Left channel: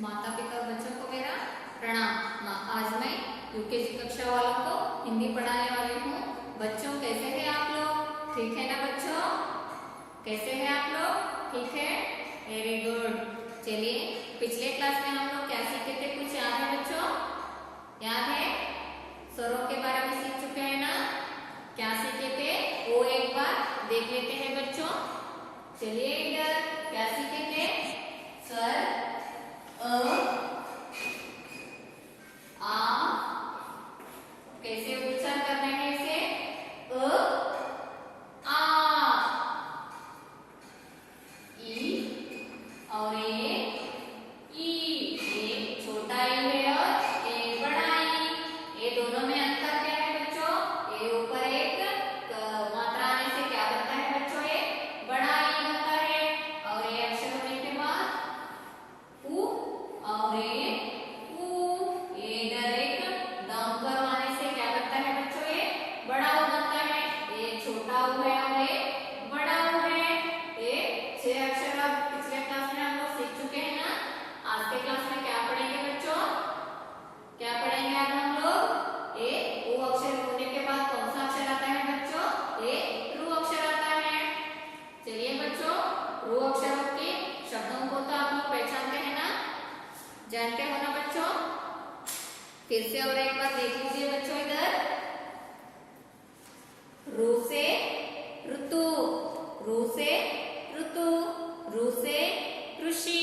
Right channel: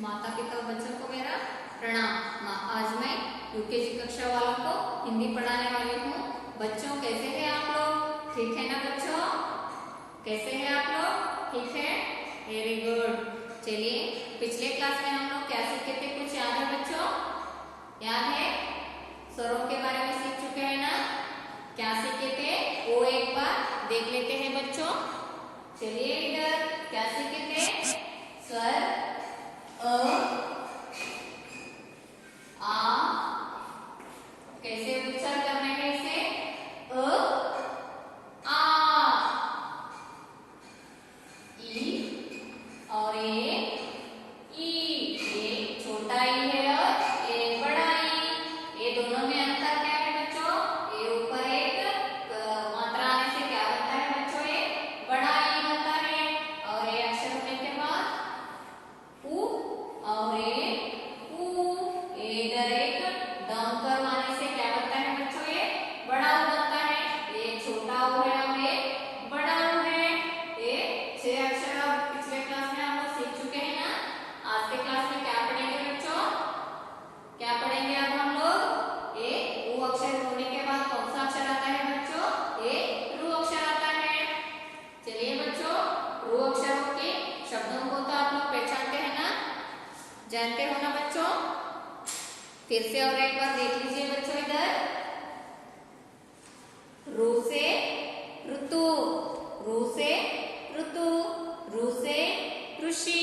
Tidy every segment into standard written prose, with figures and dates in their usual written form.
माता पिता और बच्चों को मेरा प्रणाम। आज मैं यूकेजी कक्षा वालों को हिंदी पढ़ाने वाली हूँ। बच्चों कैसे हैं आप लोग? ठीक है ना बच्चों? कैसे हैं आप लोग? ठीक है, वेरी गुड। चलिए, पिछले क्लास में हम लोग क्या सीखे थे, कुछ याद है बच्चों? याद है? स्वरों के बारे में सीख चुके हैं ना? क्या सीखे थे वो एक बार देख लेते हैं बच्चों। चलिए, इधर क्या सीखे थे? स्वर अ, आ, कैसे उच्चारण करना है इसे? अ, आ, ई और एक छोटा ई है और एक बड़ा ई। ये दोनों में अंतर क्या है बच्चों? ये ऊपर एक मात्रा आने से क्या बनता है बच्चों? ये बड़ा ई बनता है। और ये अक्षर होने के बाद उ और ये उ, ये इधर एक डाउन कर्व आने से क्या बनता है बच्चों? ये बड़ा उ बनता है। ये छोटा उ है और ये बड़ा उ है। ये 6 अक्षर अब पिछले क्लास में हम लोग सीख चुके हैं ना। आज के क्लास में क्या पढ़ेंगे बच्चों? क्या पढ़ेंगे अब हम लोग? ये उ अक्षर होने के बाद कौन सा अक्षर आता है बच्चों? ये रु अक्षर आता है। चलिए बच्चों, रु अक्षरों के शब्दों को तो आप लोग पहचानते हैं ना, जानते हो ना बच्चों? फिर से और एक बार देख लीजिए बच्चों। इधर रू से ऋतु, रू से ऋतु, रू से ऋषि,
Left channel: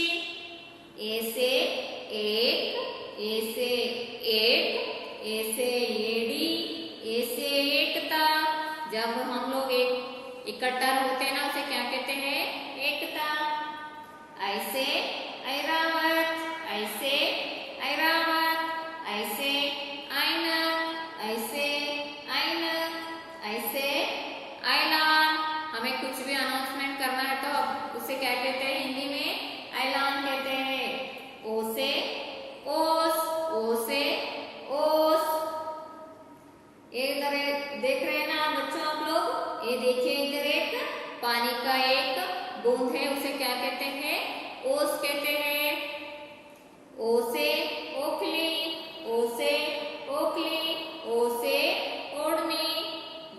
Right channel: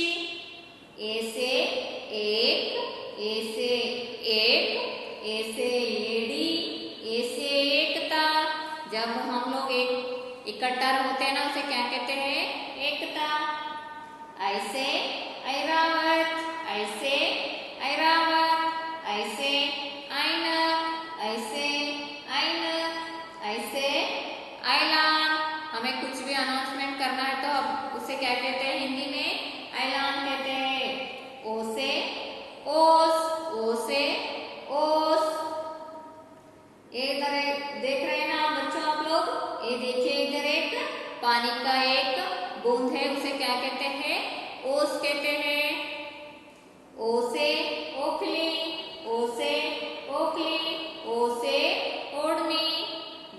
ए से एक, ए से एक, ए से एड़ी, ए से एकता। जब हम लोग एक इकट्ठा होते हैं ना, उसे क्या कहते हैं? एकता। ऐसे ऐरावत, ऐसे ऐरावत, ऐसे ऐनक, ऐसे ऐनक, ऐसे ऐलान। हमें कुछ भी अनाउंसमेंट करना है तो अब उसे क्या कहते हैं हिंदी में? ऐलान कहते हैं। ओ से ओस, ओ से ओस। ये इधर देख रहे हैं ना आप बच्चों, आप लोग ये देखिए, इधर एक पानी का एक बूंद है, उसे क्या कहते हैं? ओस कहते हैं। ओ से ओखली, ओ से ओखली, ओ से ओढ़नी।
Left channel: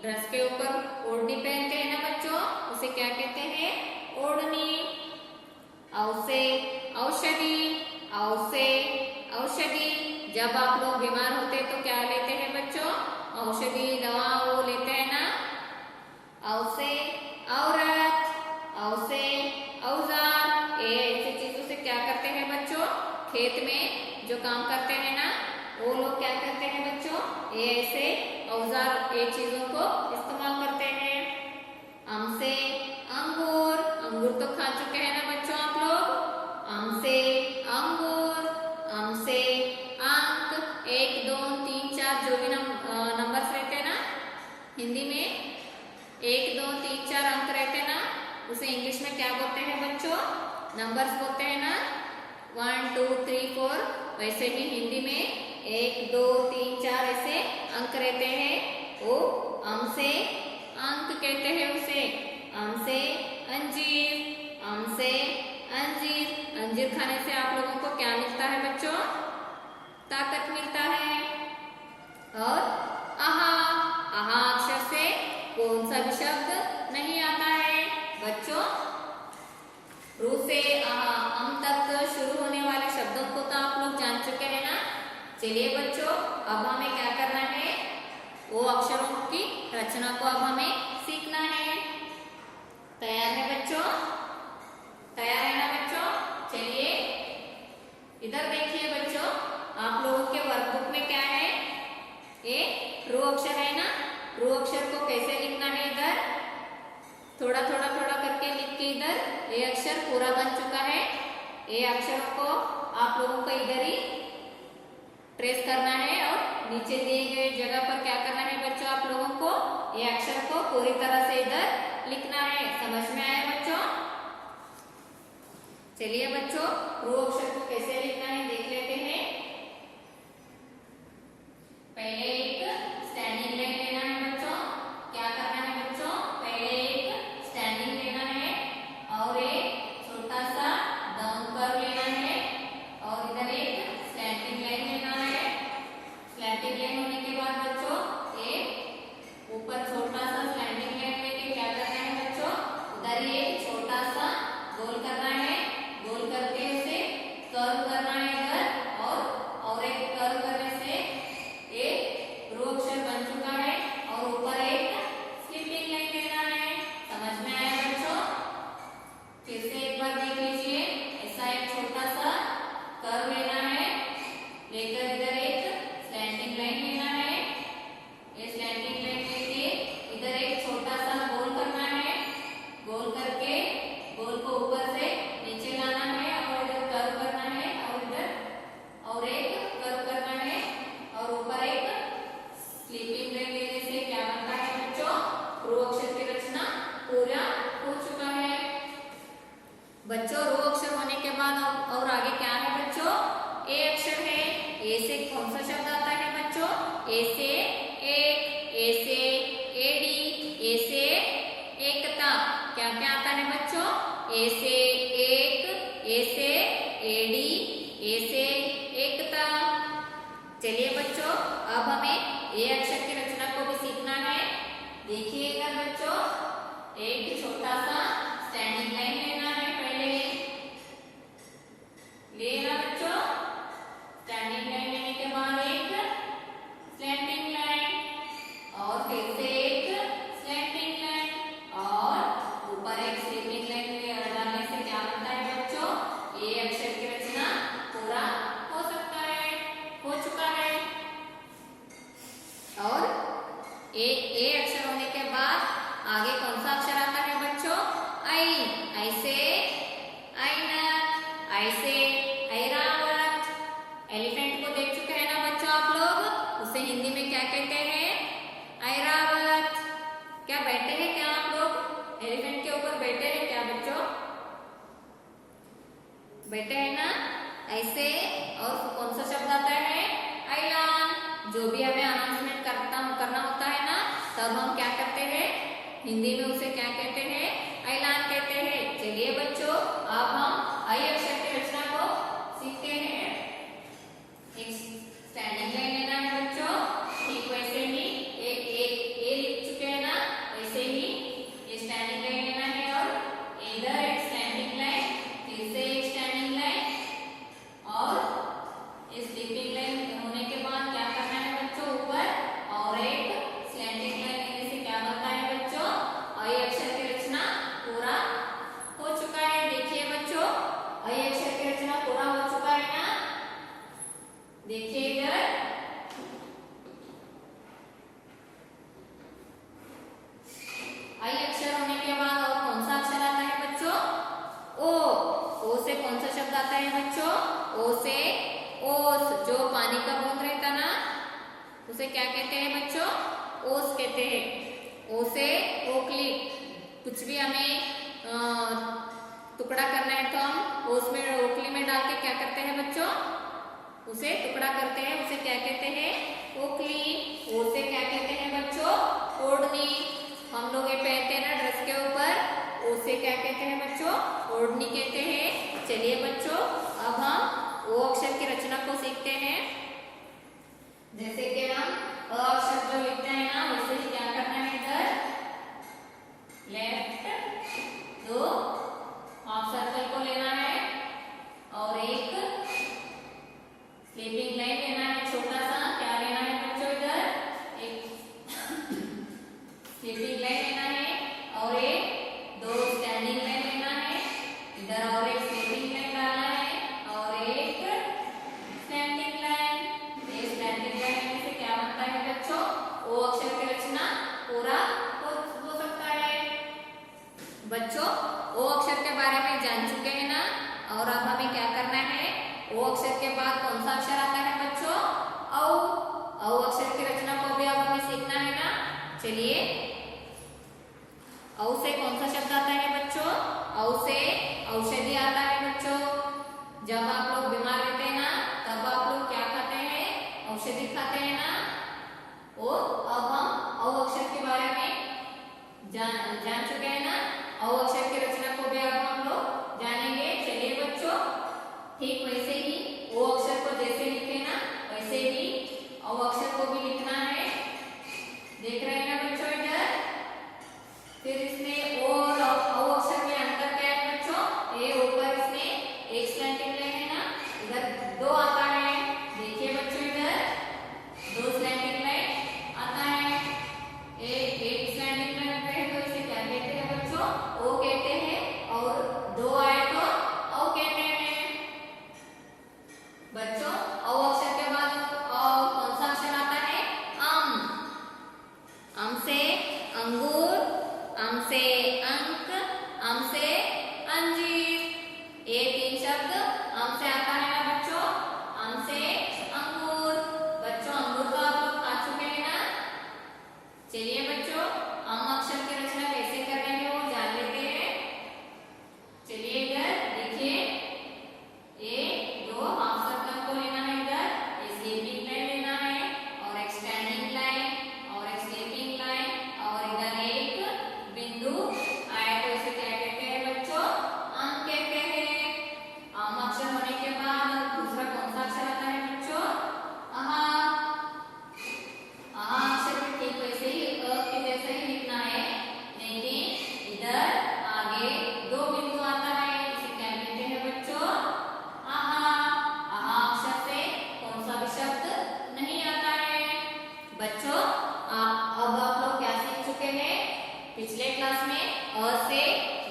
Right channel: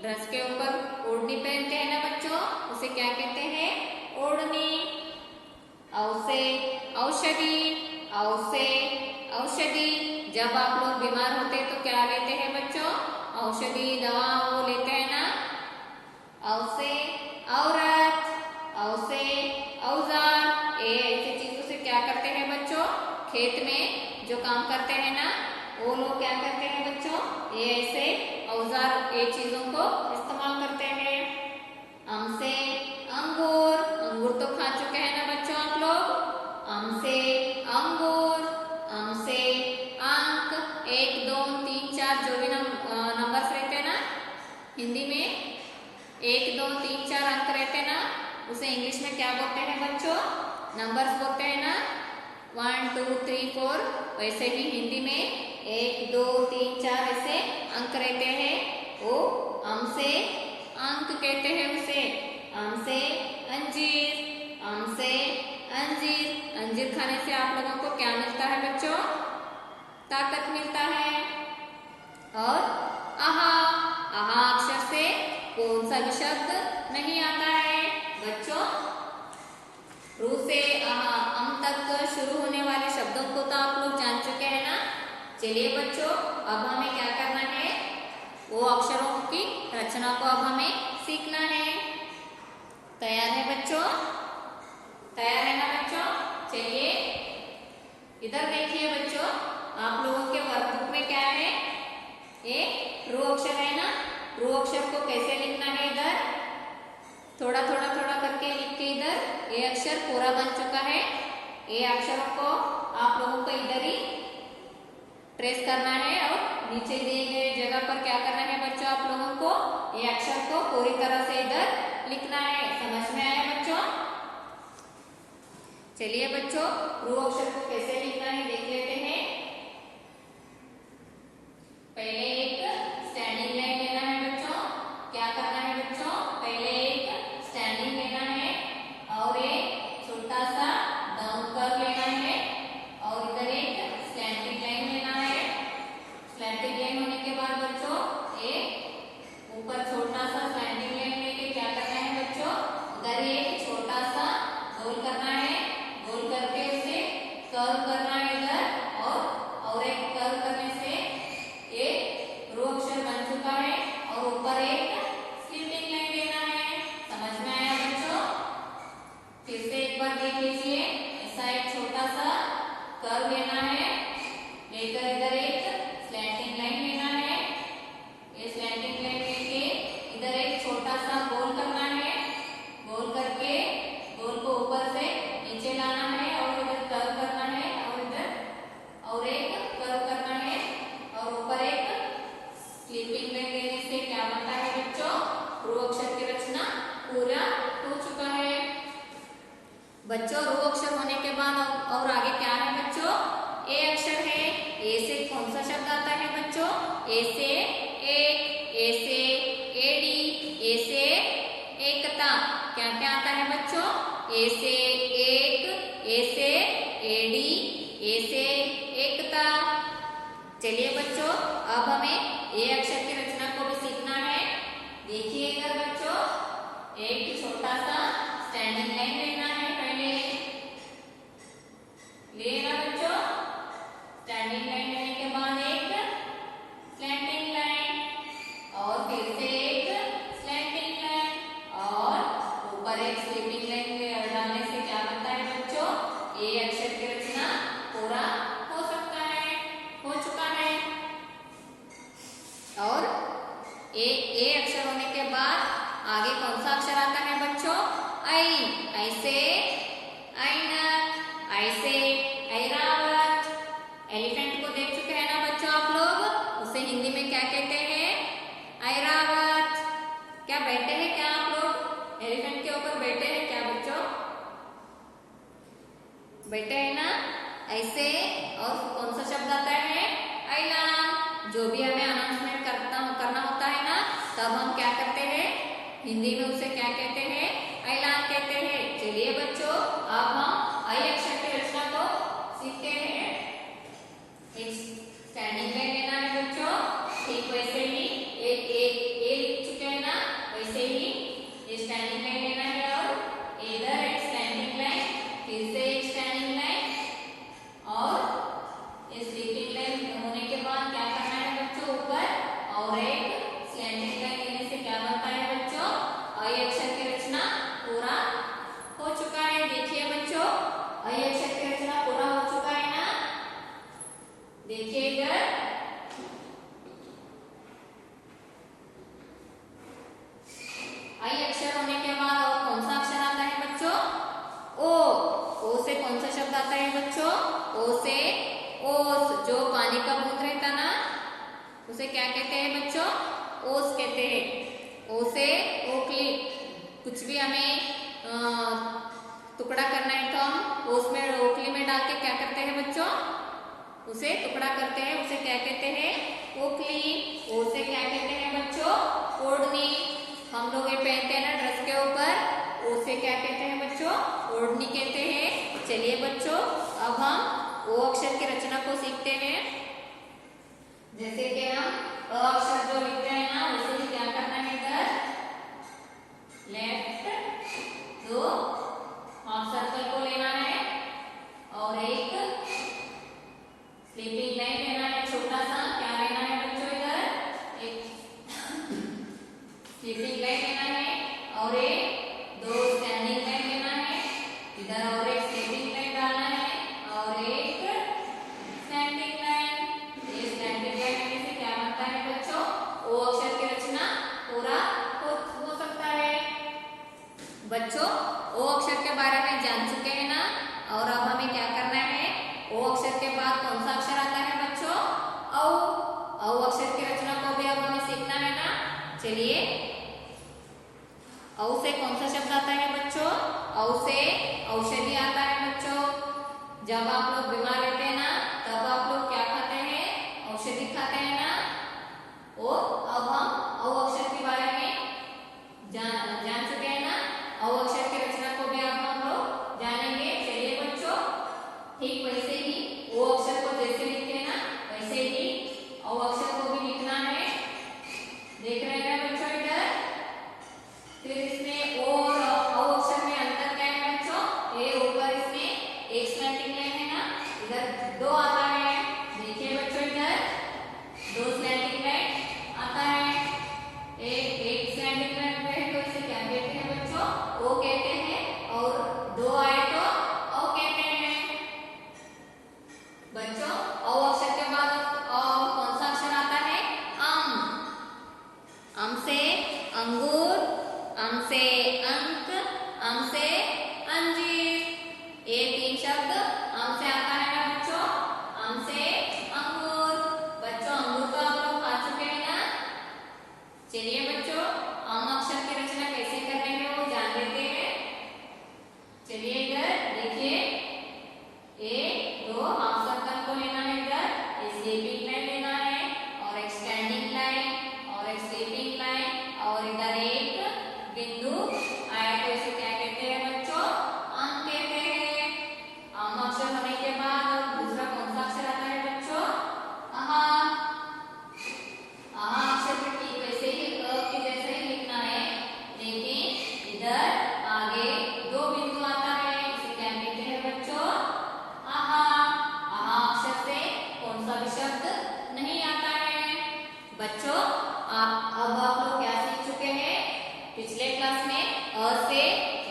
ड्रेस के ऊपर ओढ़नी पहनते हैं ना बच्चों, उसे क्या कहते हैं? ओढ़नी। औ से औषधि, औ से औषधि। जब आप लोग बीमार होते हैं तो क्या लेते हैं बच्चों? औषधि, दवा वो लेते हैं ना। औ से औरत, औ से औजार। ये ऐसी चीजों से क्या करते हैं बच्चों? खेत में जो काम करते हैं ना, वो लोग क्या करते हैं बच्चों? ये ऐसे औजार, ये चीजों को इस्तेमाल करते हैं। अम से अंगूर, अंगूर तो खा चुके हैं ना बच्चों आप लोग। अम से अंगूर, अम से अंक, 1 2 3 4 जो भी नंबर्स रहते हैं ना हिंदी में, 1 2 3 4 अंक रहते हैं ना, उसे इंग्लिश में क्या बोलते हैं बच्चों? नंबर्स बोलते हैं ना। 1 2 3 4। वैसे ही हिंदी में 1 2 3 4 ऐसे अंक रहते हैं, वो अम से अंक कहते हैं उसे। अम से अंजीर, अम से अंजीर। अंजीर खाने से आप लोगों को क्या मिलता है बच्चों? ताकत मिलता है। और आहा, आहा अक्षर से कौन सा भी शब्द नहीं आता है बच्चों? रू से आहा अम तक शुरू होने वाले शब्दों को तो आप लोग जान चुके हैं ना। चलिए बच्चों, अब हमें क्या करना है? वो अक्षरों की रचना को अब हमें सीखना है। तैयार है बच्चों? तैयार है ना बच्चों? चलिए, इधर देखिए बच्चों, आप लोगों के वर्कबुक में क्या है? ये रू अक्षर है ना। रू अक्षर को कैसे लिखना है? इधर थोड़ा थोड़ा थोड़ा करके लिख के इधर ये अक्षर पूरा बन चुका है। ये अक्षरों को आप लोगों को इधर ही ट्रेस करना है और नीचे दिए गए जगह पर क्या करना है बच्चों? आप लोगों को ये अक्षर को पूरी तरह से इधर लिखना है। समझ में आया बच्चों? चलिए बच्चों, रू अक्षर को कैसे लिखना है देख लेते हैं। पहले एक स्टैंडिंग लाइन लेना है बच्चों। क्या करना है बच्चों? पहले एक स्टैंडिंग लेना है और एक छोटा सा डाउन कर्व लेना है और बच्चों रू अक्षर होने के बाद और आगे क्या है बच्चों? ए अक्षर है। ए से कौन सा शब्द आता है बच्चों? ए से एक, ए से एड़ी, ए से एकता। क्या क्या आता है बच्चों? ए से एक, ए से एड़ी, ए से एकता। चलिए बच्चों अब हमें ए अक्षर की रचना को भी सीखना है। देखिए इधर बच्चों, एक छोटा सा स्टैंडिंग लाइन लेना है। पहले लेना बच्चों, स्टैंडिंग लाइन लेने के बाद एक स्लैंटिंग लाइन और फिर से एक स्लैंटिंग लाइन और ऊपर एक स्लीपिंग लाइन डालने से क्या बनता है बच्चों? ए अक्षर की रचना पूरा हो सकता है, हो चुका है। और ए अक्षर होने के बाद आगे कौन सा अक्षर आता है बच्चों? आई। ऐसे ऐनक, ऐसे ऐरावत। एलिफेंट को देख चुके हैं ना बच्चों आप लोग? उसे हिंदी में क्या कहते हैं? ऐरावत। क्या बैठे हैं क्या आप लोग? एलिफेंट के ऊपर बैठे हैं क्या बच्चों? बैठे हैं ना? ऐसे। और कौन सा शब्द आता है? ऐलान। जो भी हमें अनाउंसमेंट करना होता है ना, तब हम क्या करते हैं? हिंदी में उसे क्या कहते हैं? ऐलान कहते हैं। चलिए बच्चों अब हम आई अक्षर की रचना को सीखते हैं। एक स्टैंडिंग लाइन लेना है बच्चों। ठीक वैसे ही एक ए लिख चुके हैं ना, वैसे ही ये स्टैंडिंग लाइन लेना है और इधर एक स्टैंडिंग लाइन, फिर से एक स्टैंडिंग लाइन और ये स्लीपिंग लाइन होने के बाद क्या करना है बच्चों? ऊपर और एक स्लैंटिंग लाइन लेने से क्या बनता है बच्चों? आई अक्षर की रचना पूरा हो चुका है। देखिए बच्चों आई अक्षर की रचना पूरा हो चुका है ना? देखिए इधर आई अक्षर होने के बाद और कौन सा अक्षर आता है बच्चों? ओ। ओ से कौन सा शब्द आता है बच्चों? ओ से ओस। जो पानी का बूंद रहता ना, उसे क्या कहते हैं बच्चों? ओस कहते हैं। ओ से ओखली। कुछ भी हमें टुकड़ा करना है तो हम ओस में ओखली में डाल के क्या करते हैं बच्चों? उसे टुकड़ा करते हैं। उसे क्या कहते हैं? ओखली। ओ से क्या कहते हैं बच्चों? ओढ़नी। हम लोग ये पहनते हैं ना ड्रेस के ऊपर, ओ से क्या कहते हैं बच्चों? ओढ़नी कहते हैं। चलिए बच्चों अब हम ओ अक्षर की रचना को सीखते हैं। जैसे कि हम अ अक्षर जो लिखते हैं ना, वैसे ही क्या करना है? इधर लेफ्ट दो हाफ सर्कल को लेना है और एक स्लीपिंग लाइन लेना है। छोटा सा क्या लेना है बच्चों? इधर एक स्लीपिंग लाइन लेना है और एक दो स्टैंडिंग लाइन लेना है। इधर और एक स्लीपिंग लाइन डालना है और एक स्टैंडिंग लाइन। ये स्टैंडिंग लाइन लेने से क्या बनता है बच्चों? ओ अक्षर की रचना पूरा हो सकता है। बच्चों ओ अक्षर के बारे में जान चुके हैं ना? और अब हमें क्या करना है? ओ अक्षर के बाद कौन सा अक्षर आता है बच्चों? औ। औ अक्षर की रचना को भी अब हमें सीखना है ना? चलिए औ से कौन सा शब्द आता है बच्चों? औ से औषधि आता है बच्चों। जब आप लोग बीमार रहते हैं ना, तब आप लोग क्या खाते हैं? औषधि खाते हैं ना? और अब हम औ अक्षर के बारे में जान चुके हैं ना? औ अक्षर की रचना को भी अब हम लोग जानेंगे। चलिए बच्चों ठीक वैसे ही ओ अक्षर को जैसे लिखे ना, वैसे ही औ अक्षर को भी लिखना है। देख रहे हैं ना बच्चों इधर? फिर इसमें ओ और औ अक्षर में अंतर क्या है बच्चों? ए ऊपर इसमें एक स्लैंटिंग लाइन है ना, इधर दो आता है। देखिए बच्चों इधर दो स्लैंटिंग लाइन आता है। एक स्लैंटिंग लाइन है तो इसे क्या कहते हैं बच्चों? ओ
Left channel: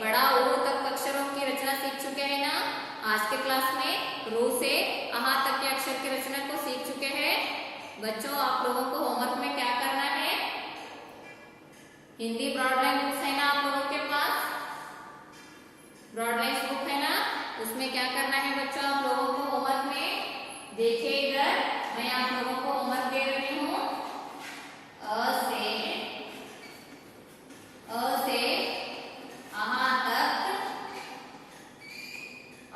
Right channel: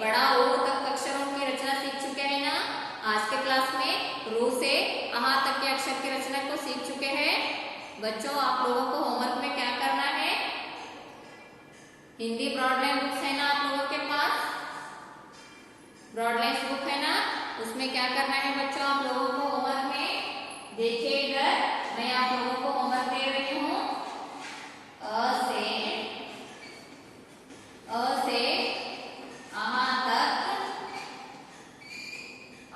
बड़ा ओ तक अक्षरों की रचना सीख चुके हैं ना। आज के क्लास में रू से अहा तक के अक्षर की रचना को सीख चुके हैं। बच्चों, आप लोगों को होमवर्क में क्या करना है? हिंदी ब्रॉड लाइन बुक्स है ना आप लोगों के पास? ब्रॉड लाइन बुक है ना, उसमें क्या करना है बच्चों आप लोगों को होमवर्क में? देखिए इधर मैं आप लोगों को होमवर्क दे रही हूँ। अ से अहा तक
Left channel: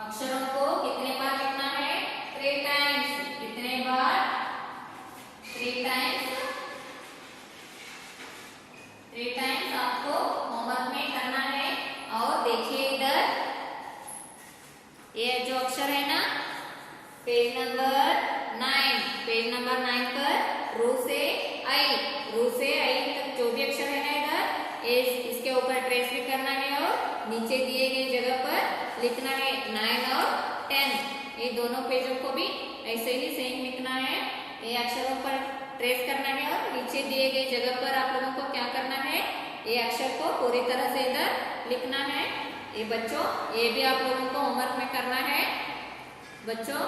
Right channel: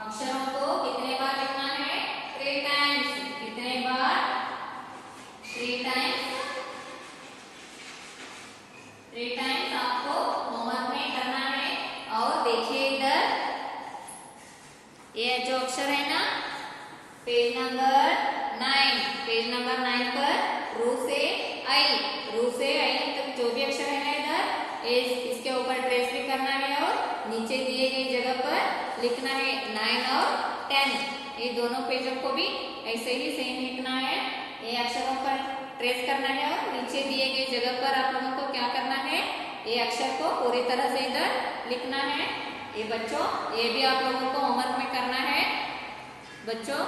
अक्षरों को कितने बार लिखना है? 3 टाइम्स। कितने बार? 3 टाइम्स। 3 टाइम्स आपको होमवर्क में करना है। और देखिए इधर ये जो अक्षर है ना, पेज नंबर 9 पर रू से आई तक जो भी अक्षर है ना इधर इसके ऊपर ट्रेस भी करना है और नीचे दिए गई जगह पर लिखना है। 9 और 10 ये दोनों पेजों को भी ऐसे ही सेम लिखना है। ये अक्षरों पर ट्रेस करना है और नीचे दिए गई जगह पर आप लोगों को क्या करना है? ये अक्षर को पूरी तरह से इधर लिखना है। ये बच्चों, ये भी आप लोगों को होमवर्क में करना है। बच्चों,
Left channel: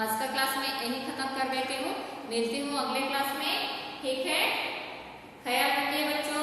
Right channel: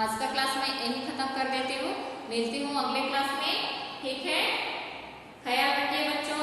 आज का क्लास में यही खत्म कर देती हूँ। मिलती हूँ अगले क्लास में, ठीक है? ख्याल रखिए बच्चों।